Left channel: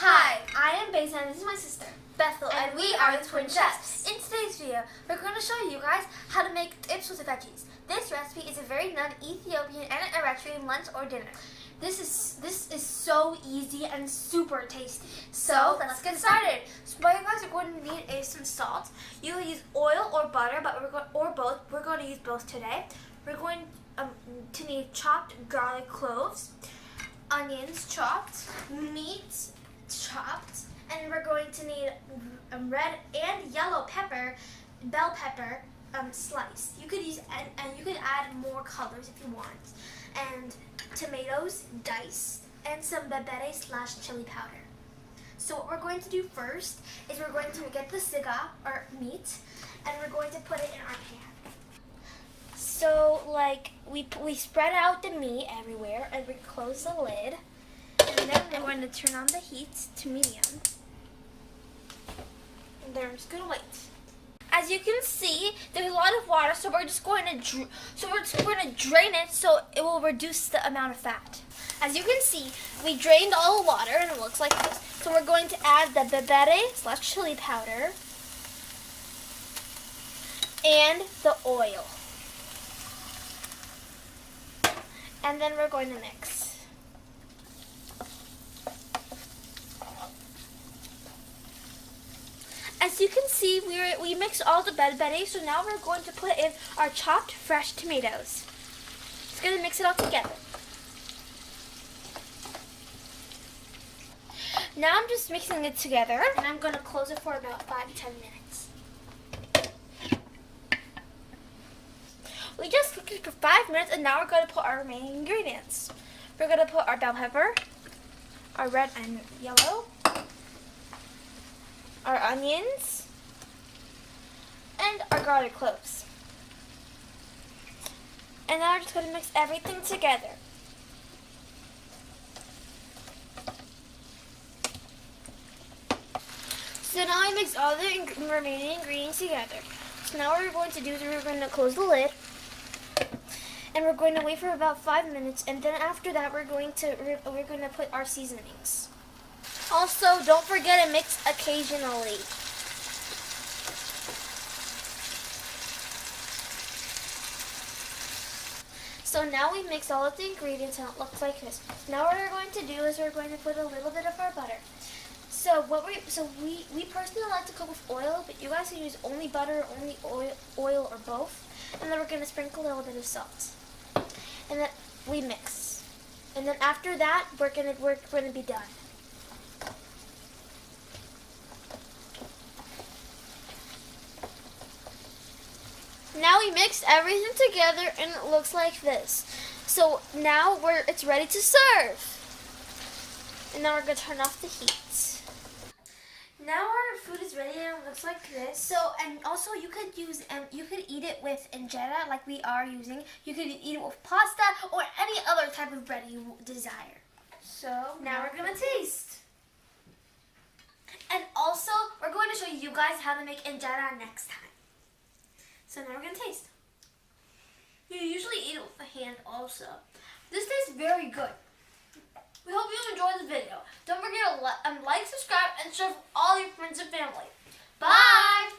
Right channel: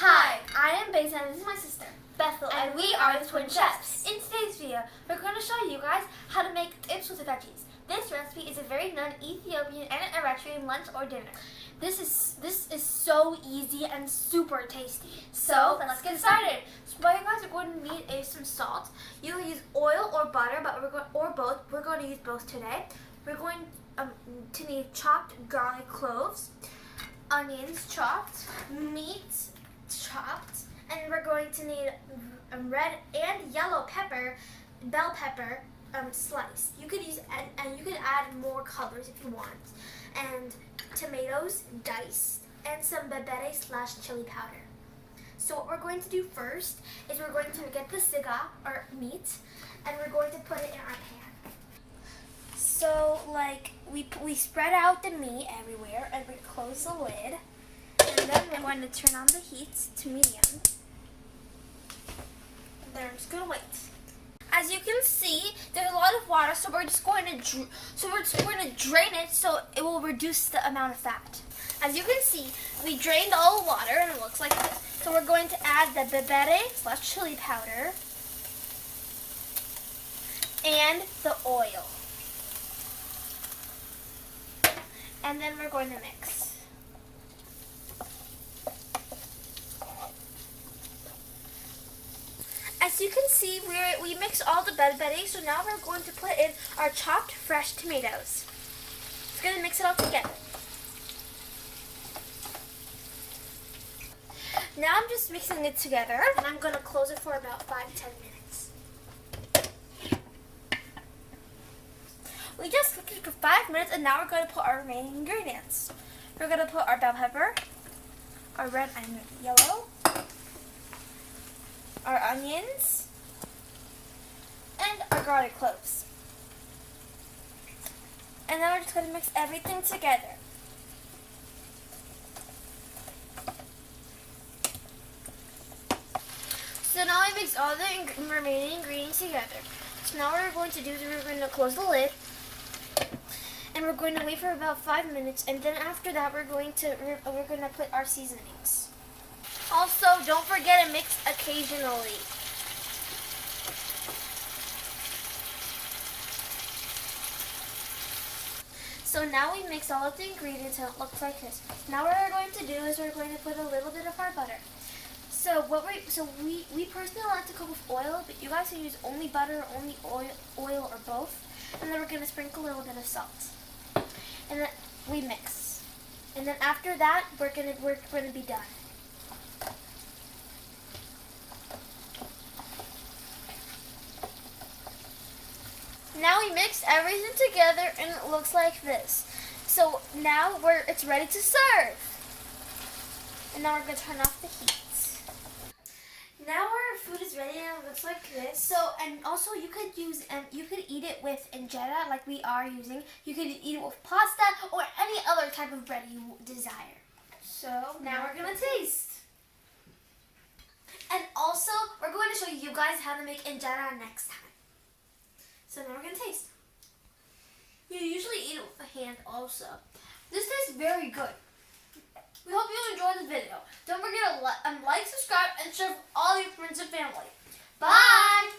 Hi, I am Besa and this is my sister, Bethel, and we are the Twin Chefs. In today's video, we're going to show you guys how to make Tibs with veggies. This recipe is a very known Ethiopian and Eritrean lunch or dinner. This is so easy and super tasty. So let's get started. So what you guys are going to need is some salt. You can use oil or butter, but or both. We're going to use both today. We're going to need chopped garlic cloves, onions chopped, meat chopped, and we're going to need red and yellow pepper, bell pepper sliced. You could use and you could add more colors if you want, and tomatoes diced, and some bebere / chili powder. So what we're going to do first is we're going to get the siga or meat, and we're going to put it in our pan. So we spread out the meat everywhere, and we close the lid. And then we're going to turn on the heat to medium. And then I'm just going to wait. As you can see, there's a lot of water, so we're just going to drain it so it will reduce the amount of fat. As you can see, we drained all the water and it looks like this. So we're going to add the bebere / chili powder and the oil. And then we're going to mix. As you can see, we mixed all the bebere, so now we're going to put in our chopped fresh tomatoes. Just going to mix it all together. Now I'm just mixing it together, and I'm going to close it for about 5-10 minutes. We just cooked it for 5 minutes, and now we're going to put our main ingredients. We're going to put our bell pepper, our red and yellow, our onions, and our garlic cloves. And now we're just going to mix everything together. So now we mix all the remaining ingredients together. So now what we're going to do is we're going to close the lid, and we're going to wait for about 5 minutes, and then after that we're going to put our seasonings. Also, don't forget to mix occasionally. So now we mix all of the ingredients and it looks like this. Now what we're going to do is we're going to put a little bit of our butter. So we personally like to cook with oil, but you guys can use only butter, only oil or both. And then we're going to sprinkle a little bit of salt. And then we mix. And then after that, we're going to be done. Now we mixed everything together and it looks like this. So now it's ready to serve. And now we're going to turn off the heat. Now our food is ready and it looks like this. So, and also you could eat it with injera like we are using. You could eat it with pasta or any other type of bread you desire. So now we're going to taste. And also we're going to show you guys how to make injera next time. So now we're going to taste. You usually eat it with a hand also. This tastes very good. We hope you enjoyed the video. Don't forget to like, subscribe, and share with all your friends and family. Bye!